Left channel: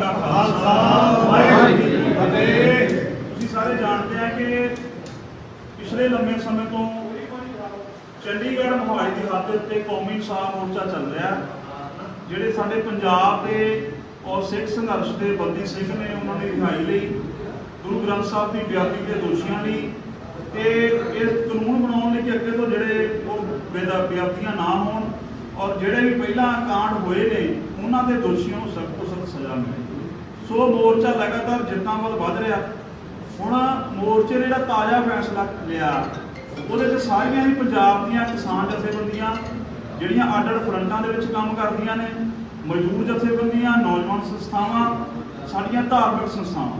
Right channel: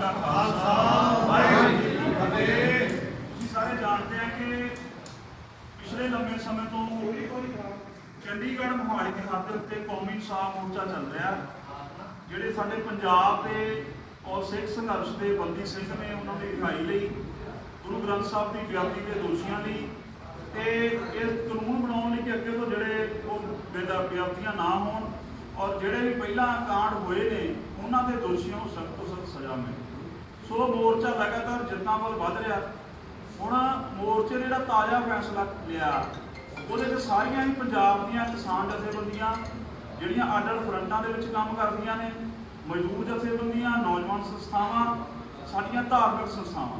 ਕਾ ਖਾਲਸਾ, ਵਾਹਿਗੁਰੂ ਜੀ ਕੀ ਫਤਿਹ। ਤੁਸੀਂ ਸਾਰੇ ਜਾਣਦੇ ਆ ਕਿ ਪਿਛਲੇ ਲੰਮੇ ਸਮੇਂ ਤੋਂ ਚੰਡੀਗੜ੍ਹ ਮੋਹਾਲੀ ਦੀ ਹੱਦ ਉੱਤੇ ਕੌਮੀ ਇਨਸਾਫ ਮੋਰਚਾ ਚੱਲ ਰਿਹਾ ਜਿਹੜੇ ਸਾਡੇ ਪੰਜਾਬ ਦੇ ਔਰ ਸਿੱਖ ਸੰਘਰਸ਼ ਦੇ ਬੰਦੀ ਸਿੰਘ ਨੇ ਉਹਨਾਂ ਦੀ ਰਿਹਾਈ ਲਈ, ਗੁਰੂ ਗ੍ਰੰਥ ਸਾਹਿਬ ਦੀ ਬੇਅਦਬੀ ਦੇ ਦੋਸ਼ੀਆਂ ਲਈ ਤੇ ਇਸ ਕਾਨੂੰਨ ਬਣਾਉਣ ਲਈ ਕਿ ਅੱਗੇ ਤੋਂ ਜਿਹੜੇ ਉਹ ਬੇਦਾ, ਬੇਅਦਬੀਆਂ ਨਾ ਹੋਣ ਔਰ ਜਿਹੜੇ ਵੀ ਪਹਿਲਾਂ ਕਾਂਡ ਹੋਏ ਨੇ, ਉਹਨਾਂ ਦੇ ਦੋਸ਼ੀਆਂ ਨੂੰ ਸਖਤ ਤੋਂ ਸਖਤ ਸਜ਼ਾ ਮਿਲੇ। ਸੋ ਮੋਰਚਾ ਲਗਾਤਾਰ ਜਿੱਤਾਂ ਵੱਲ ਵੱਧ ਰਿਹਾ। ਹੁਣ ਮੋਰਚੇ ਨੇ ਜਿਹੜਾ ਤਾਜ਼ਾ ਫੈਸਲਾ ਲਿਆ, ਉਹਦੇ 'ਚ ਸਾਰੀਆਂ ਹੀ ਪੰਜਾਬ ਦੀਆਂ ਕਿਸਾਨ ਜਥੇਬੰਦੀਆਂ, ਜਿਹੜੀਆਂ ਅੱਡ ਅੱਡ ਫਰੰਟਾਂ ਦੇ ਵਿੱਚ ਕੰਮ ਕਰਦੀਆਂ ਨੇ, ਮਜ਼ਦੂਰ ਜਥੇਬੰਦੀਆਂ, ਨੌਜਵਾਨ ਸੰਸਥਾਵਾਂ, ਸਾਡੀਆਂ ਧਾਰਮਿਕ ਸੰਸਥਾਵਾਂ,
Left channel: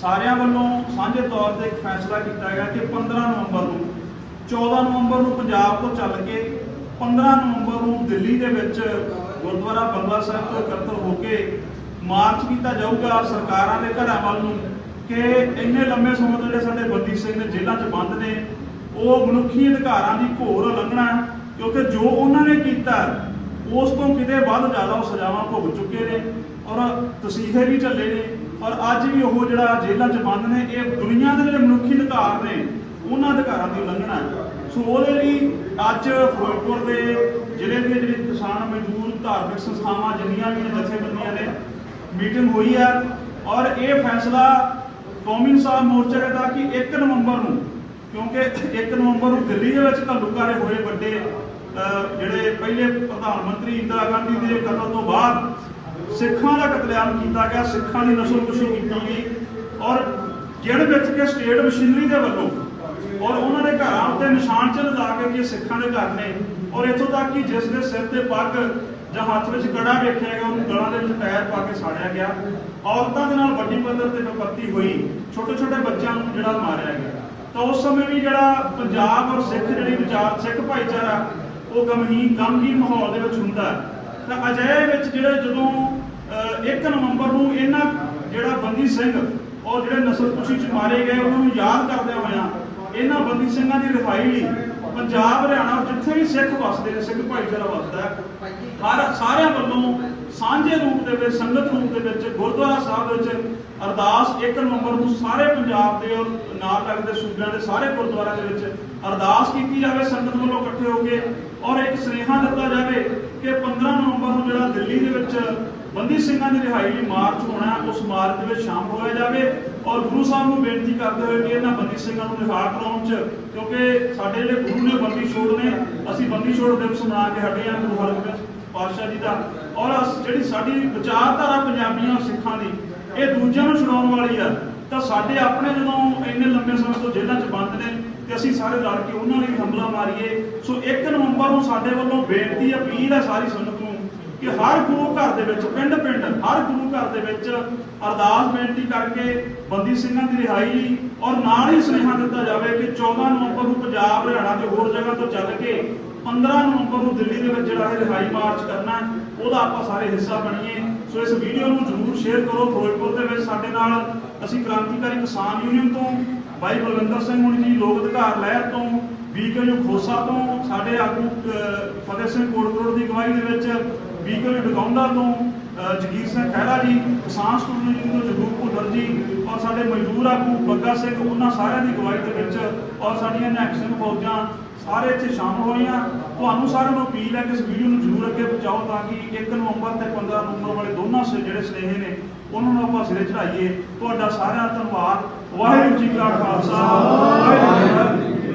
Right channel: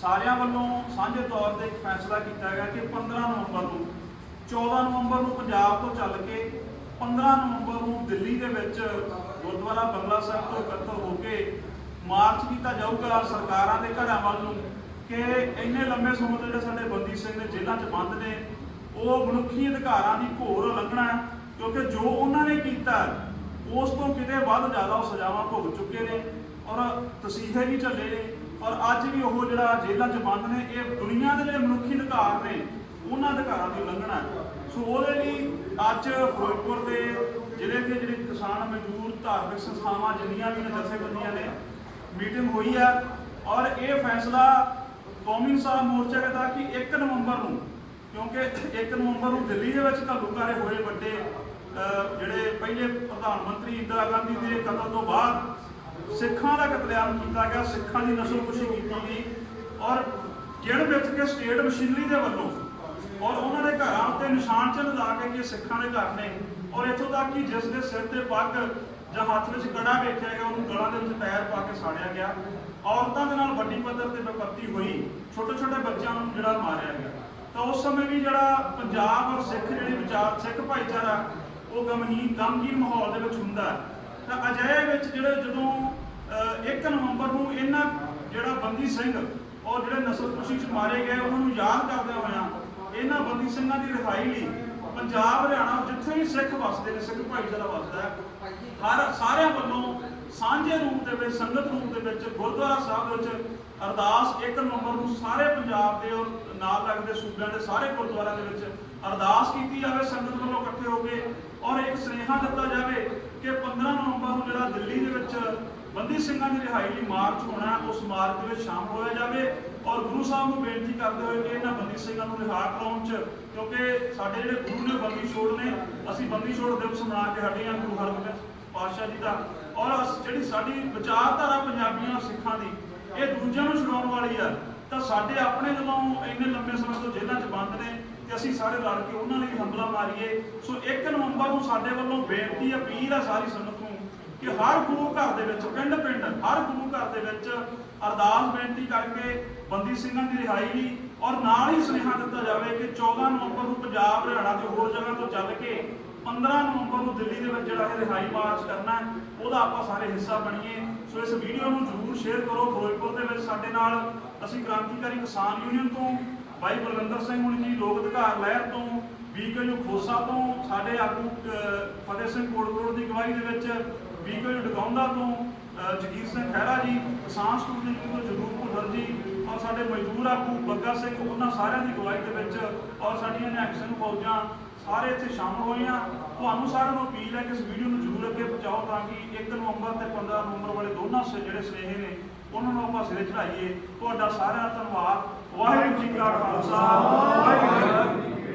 ਸਾਰਿਆਂ ਵੱਲੋਂ ਸਾਂਝੇ ਤੌਰ ਤੇ ਇੱਕ ਫੈਸਲਾ ਕੀਤਾ ਗਿਆ ਕਿ 15 ਨਵੰਬਰ ਨੂੰ 14 ਨਵੰਬਰ ਨੂੰ ਪੰਜਾਬ ਤੋਂ ਚੱਲ ਕੇ 15 ਨਵੰਬਰ ਨੂੰ ਦਿੱਲੀ ਦੇ ਵਿੱਚ ਗੁਰਦੁਆਰਾ ਬੰਗਲਾ ਸਾਹਿਬ ਤੋਂ ਇਕੱਤਰ ਹੋ ਕੇ ਮਾਰਚ ਕੀਤਾ ਜਾਊਗਾ ਸਰਕਾਰਾਂ ਦੇ ਘਰਾਂ ਵੱਲ ਨੂੰ ਕਿ ਇੰਨੇ ਲੰਮੇ ਸਮੇਂ ਤੋਂ ਜਿਹੜੇ ਸਾਡੇ ਬੰਦੀ ਸਿੰਘ ਨੇ ਜੇਲ੍ਹਾਂ 'ਚ ਬੰਦ ਨੇ, ਉਹ ਮਨੁੱਖੀ ਅਧਿਕਾਰਾਂ ਦੀ ਘੋਰ ਉਲੰਘਣਾ ਕਿਉਂਕਿ ਜੋ ਉਹਨਾਂ ਨੇ ਕੀਤਾ, ਉਸ ਤੋਂ ਕਿਤੇ ਵੱਧ ਜ਼ਿਆਦਾ ਉਹ ਸਜ਼ਾਵਾਂ ਭੁਗ ਚੁੱਕੇ ਨੇ ਔਰ ਤਸੀਹੇ ਵੀ ਝੱਲੇ ਨੇ ਔਰ ਅੱਜ ਵੀ ਉਹ ਜਿਹੜਾ ਜੇਲ੍ਹਾਂ 'ਚ ਬੰਦ ਨੇ, ਇਹ ਦੁਨੀਆ ਦੇ ਜਿਹੜੇ ਮਨੁੱਖੀ ਅਧਿਕਾਰ ਨੇ, ਉਹਨਾਂ ਅਧਿਕਾਰਾਂ ਦੀ ਉਲੰਘਣਾ ਸੋ ਉਹਦੇ ਲਈ ਅੱਜ ਫਿਰੋਜ਼ਪੁਰ ਦੇ ਜ਼ਿਲ੍ਹੇ ਦੇ ਜਿਹੜੇ ਕਿਸਾਨ ਮਜ਼ਦੂਰ ਧਾਰਮਿਕ ਸੰਸਥਾਵਾਂ ਜਿੰਨੀਆਂ ਵੀ ਨੇ, ਜਥੇਬੰਦੀਆਂ ਨੇ ਮੀਟਿੰਗ ਹੋਈ ਹੈ ਔਰ ਇਹ ਫੈਸਲਾ ਕੌਮੀ ਇਨਸਾਫ ਮੋਰਚੇ ਦਾ ਕਿ 1 ਨਵੰਬਰ ਨੂੰ, ਕਿਉਂਕਿ 1 ਨਵੰਬਰ ਨੂੰ ਦਿੱਲੀ ਦੇ ਵਿੱਚ ਘੱਲੂਘਾਰੇ ਹੋਏ ਵੱਡੇ ਜਿਹੜੇ ਪਹਿਲੇ ਪ੍ਰਧਾਨ ਮੰਤਰੀ ਇੰਦਰਾ ਗਾਂਧੀ ਦੇ ਕਤਲ ਤੋਂ ਬਾਅਦ ਸਿੱਖਾਂ ਦਾ ਕਤਲੇਆਮ ਕੀਤਾ ਗਿਆ, ਸਿੱਖਾਂ ਦੀ ਨਸਲਕੁਸ਼ੀ ਕੀਤੀ ਗਈ ਔਰ ਗਿਣ ਵਿੱਚ ਕਿ ਸਟੇਟ ਮਸ਼ੀਨਰੀ ਦੇ ਵੱਲੋਂ ਔਰ ਉਹਨਾਂ ਦੇ ਘਰਾਂ ਉੱਤੇ ਨਿਸ਼ਾਨ ਚਿੰਨ੍ਹ ਲਾ ਕੇ ਕਿ ਸਿੱਖਾਂ ਦੇ ਘਰ ਨੇ ਔਰ ਇੱਥੋਂ ਤੱਕ ਕਿ ਜਿਸ ਦੇ ਸਿਰ ਤੇ ਪੱਗ ਜਾਂ ਹੱਥ ਵਿੱਚ ਕੜਾ ਵੇਖਿਆ ਗਿਆ ਉਹਨੂੰ ਗਲਾਂ ਦੇ ਵਿੱਚ ਟਾਇਰ ਪਾ ਕੇ ਸਾੜਿਆ ਗਿਆ। ਔਰਤਾਂ ਦੇ ਨਾਲ ਵੱਡੀ ਪੱਧਰ ਤੇ ਵਿਪੱਤੀ ਹੋਈ ਛੋਟੇ ਛੋਟੇ ਬੱਚਿਆਂ ਨੂੰ ਜਿਹੜਾ ਮਾਰਿਆ ਗਿਆ। ਤਾਂ ਉਸ ਸਮੇਂ ਵੀ ਜਿਹੜਾ ਪੰਜਾਬ ਔਰ ਸਿੱਖ ਜਿਹੜੀ ਵਿਚਾਰ ਸਿੱਖ ਭਾਈਚਾਰਾ ਉਹ ਗਮਹੀਨ ਗਮਗੀਨ ਮਾਹੌਲ ਦੇ ਵਿੱਚ ਹੁੰਦਾ ਤਾਂ ਅਜਿਹੇ ਵਿੱਚ ਜਿਹੜੇ ਜਦੋਂ ਅਹ, 1 ਨਵੰਬਰ ਨੂੰ ਇਹਨਾਂ ਜਿਹੜਾ ਬੰਦੀ ਸਿੰਘ ਔਰ ਜਿਹੜੇ ਨਸਲਕੁਸ਼ੀ ਚ ਮਾਰੇ ਗਏ ਉਹਨਾਂ ਨੂੰ ਯਾਦ ਕਰਦਿਆਂ ਹੋਇਆਂ ਇਹਨਾਂ ਬੰਦੀ ਸਿੰਘਾਂ ਦੀ ਰਿਹਾਈ ਲਈ ਪੰਜਾਬ ਹਰਿਆਣਾ ਜਿੱਥੇ ਵੀ ਸਿੱਖ ਵਸਦੇ ਨੇ ਸਿੱਖ ਭਾਈਚਾਰਾ ਵਸਦਾ ਸਾਂਝੇ ਰੂਪ ਦੇ ਵਿੱਚ, ਸੰਗਤ ਰੂਪ ਦੇ ਵਿੱਚ, ਗੁਰਦੁਆਰਾ ਸਾਹਿਬ ਵਿੱਚ ਅਰਦਾਸ 1 ਨਵੰਬਰ ਨੂੰ ਸਾਰੇ ਪੰਜਾਬ ਦੇ ਔਰ ਨਾਲ ਲੱਗਦੇ ਸੂਬਿਆਂ ਦੇ ਸਾਰੇ ਗੁਰਦੁਆਰਿਆਂ ਦੇ ਵਿੱਚ ਅਰਦਾਸ ਕੀਤੀ ਜਾਵੇ, ਸੰਗਤ ਵੱਲੋਂ ਇਕੱਠੇ ਹੋ ਕੇ ਔਰ ਇੱਕ ਸੁਨੇਹਾ ਦਿੱਤਾ ਜਾਵੇ ਕਿ 15 ਨਵੰਬਰ ਨੂੰ ਜਿਹੜਾ ਦਿੱਲੀ ਦੇ ਵਿੱਚ ਬੰਦੀ ਸਿੰਘਾਂ ਦੀ ਰਿਹਾਈ ਲਈ ਮਾਰਚ ਹੋਣਾ ਉਸ ਮਾਰਚ ਦੇ ਵਿੱਚ ਸ਼ਾਮਲ ਹੋਇਆ ਜਾਵੇ ਔਰ ਗੁਰੂ ਸਾਹਿਬ ਨੂੰ ਬੇਨਤੀ ਕਰਦੇ ਹੋਏ ਕਿ ਇਹਨਾਂ ਬੰਦੀ ਸਿੰਘਾਂ ਨੂੰ ਰਿਹਾ ਕਰਾਉਣ ਚ, ਕਿਉਂਕਿ ਸਾਡੇ ਜਿਹੜੇ ਗੁਰੂ ਨੇ, ਬੰਦੀ ਛੋੜ ਨੇ, ਅਸੀਂ ਬੰਦੀ ਛੋੜ ਦਿਵਸ ਮਨਾ ਕੇ ਹਟੇ ਹਾਂ ਗੁਰੂ ਹਰਗੋਬਿੰਦ ਪਾਤਸ਼ਾਹ ਜੀ ਦਾ। ਔਰ ਅਸ- ਜਿਹੜੀ ਸਾਡੀ ਵਿਚਾਰਧਾਰਾ ਪੰਜਾਬੀਆਂ ਸਿੱਖਾਂ ਦੀ, ਇਹ ਦੂਜਿਆਂ ਨੂੰ ਛੁਡਾਉਣ ਵਾਲੀ ਆ, ਤਾਂ ਸਾਡੇ ਆਪਣੇ ਜਦੋਂ ਇੰਨੇ ਲੰਬੇ ਸਮੇਂ ਤੋਂ ਜੇਲ੍ਹਾਂ 'ਚ ਬੰਦ ਨੇ ਤੇ ਅਸੀਂ ਸਾਰੇ ਰਲ ਕੇ ਉਹਨਾਂ ਲਈ ਹਮਲਾ ਮਾਰੀਏ, ਸੋ 1 ਨਵੰਬਰ ਨੂੰ ਸਾਡੇ ਵੱਲੋਂ ਬੇਨਤੀ, ਅਪੀਲ ਹੈ ਸਾਰੀ ਸੰਗਤ ਨੂੰ ਕਿ ਹਰ ਗੁਰੂ ਘਰ ਦੇ ਵਿੱਚ ਪਿੰਡ ਪਿੰਡ ਹਰ ਗੁਰੂ ਘਰ ਦੇ ਵਿੱਚ ਅਰਦਾਸ ਬੇਨਤੀ ਕਰਕੇ ਬੰਦੀ ਸਿੰਘਾਂ ਦੀ ਰਿਹਾਈ ਲਈ ਔਰ ਨਾਲ ਹੀ ਸੁਨੇਹਾ ਦਿੱਤਾ ਜਾਵੇ ਕਿ 14 ਨਵੰਬਰ ਨੂੰ ਪੰਜਾਬ, ਹਰਿਆਣਾ ਤੇ ਹੋਰ ਜਗ੍ਹਾ ਤੋਂ ਚੱਲ ਕੇ 15 ਨਵੰਬਰ ਨੂੰ ਦਿੱਲੀ ਦੇ ਵਿੱਚ ਜਿਹੜਾ ਇਹ ਰਿਹਾਈ ਮਾਰਚ ਕਰਨਾ ਉਹਦਾ ਆਪਾਂ ਸਾਰੇ ਹਿੱਸਾ ਬਣੀਏ। ਸੋ ਇਸ ਵੀਡੀਓ ਨੂੰ ਜ਼ਰੂਰ ਸ਼ੇਅਰ ਕਰੋ ਫਿਰੋਜ਼ਪੁਰ ਦੇ ਵਿੱਚ। ਸਾਡੇ ਨਾਲ ਅਸੀਂ ਕ੍ਰਾਂਤੀਕਾਰੀ ਕਿਸਾਨ ਯੂਨੀਅਨ ਤੋਂ ਬਾਈ ਬਲਵਿੰਦਰ ਸਿੰਘ ਹੁਣੀ ਜੀ, ਲੋਕ ਅਧਿਕਾਰ ਲਹਿਰ ਤੋਂ, ਬੀਕੇਯੂ ਖੋਸਾ ਤੋਂ, ਸਾਡੇ ਆਗੂ ਫਤਿਹ ਸਿੰਘ ਕੋਟਕੋਟ ਦੀ ਅਗਵਾਈ ਦੇ ਵਿੱਚ ਬੀਕੇਯੂ ਡਗੌਂਦਾ ਤੋਂ ਜਗੀਰ ਸਿੰਘ ਖਹਿਰਾ ਜੀ, ਕਿਸਾਨ ਸਟੂਡੈਂਟ ਯੂਨੀਅਨ ਤੋਂ ਜਗਰੂਪ ਭੁੱਲਰ ਜੀ ਔਰ ਸਾਡੇ ਮਜ਼ਦੂਰ ਆਗੂ ਬੱਗਾ ਸਿੰਘ, ਉਹਨਾਂ ਸਾਰਿਆਂ ਦੀ ਅਗਵਾਈ ਦੇ ਵਿੱਚ ਔਰ ਸਾਡੀਆਂ ਨਿਹੰਗ ਸਿੰਘ ਫੌਜਾਂ ਸਾਰੇ ਇੱਥੇ ਸ਼ਾਮਲ ਹੋਏ ਆ ਤੁਹਾਨੂੰ ਸਾਰਿਆਂ ਨੂੰ ਅਪੀਲ ਹੈ ਕਿ ਇਸ ਵੀਡੀਓ ਨੂੰ ਜ਼ਰੂਰ ਅੱਗੇ ਪਹੁੰਚਾਓ ਤਾਂ ਕਿ 1 ਨਵੰਬਰ ਤੇ 15 ਨਵੰਬਰ ਵਾਲੇ ਦੋਨਾਂ ਜਿਹੜੇ ਸਨੇਹੇ ਨੇ, ਉਹਨਾਂ ਨੂੰ ਆਪਾਂ ਸਿਰੇ ਚੜਾਈਏ ਤੁਹਾਡਾ ਸਾਰਿਆਂ ਦਾ ਧੰਨਵਾਦ। ਵਾਹਿਗੁਰੂ ਜੀ ਕਾ ਖਾਲਸਾ। ਵਾਹਿਗੁਰੂ ਜੀ ਕੀ